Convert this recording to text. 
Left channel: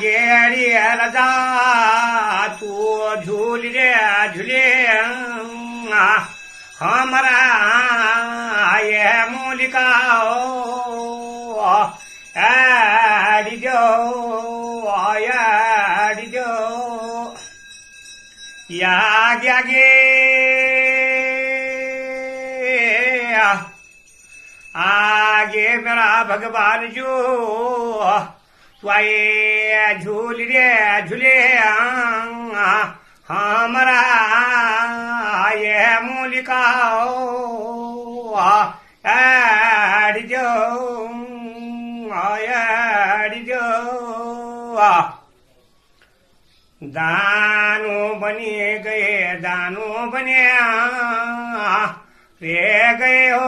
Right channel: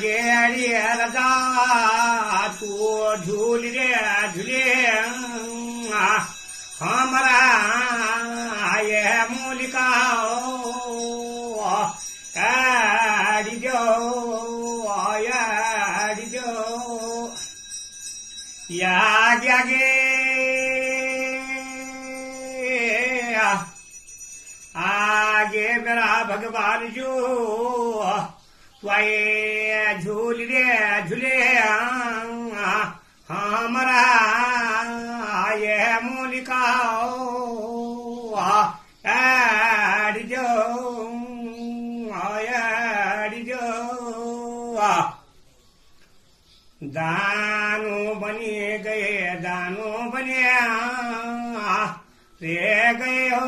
गेड़ी रजा तू झूल रे झूले हमारा ये मूलिका एडिजो एडिजो याद आगे आगे मेरा भगवान जो स्वाए झूल रे झूले हमारा ये मूलिका एडिजो एडिजो दानो बने गए दानो बने वे गए हो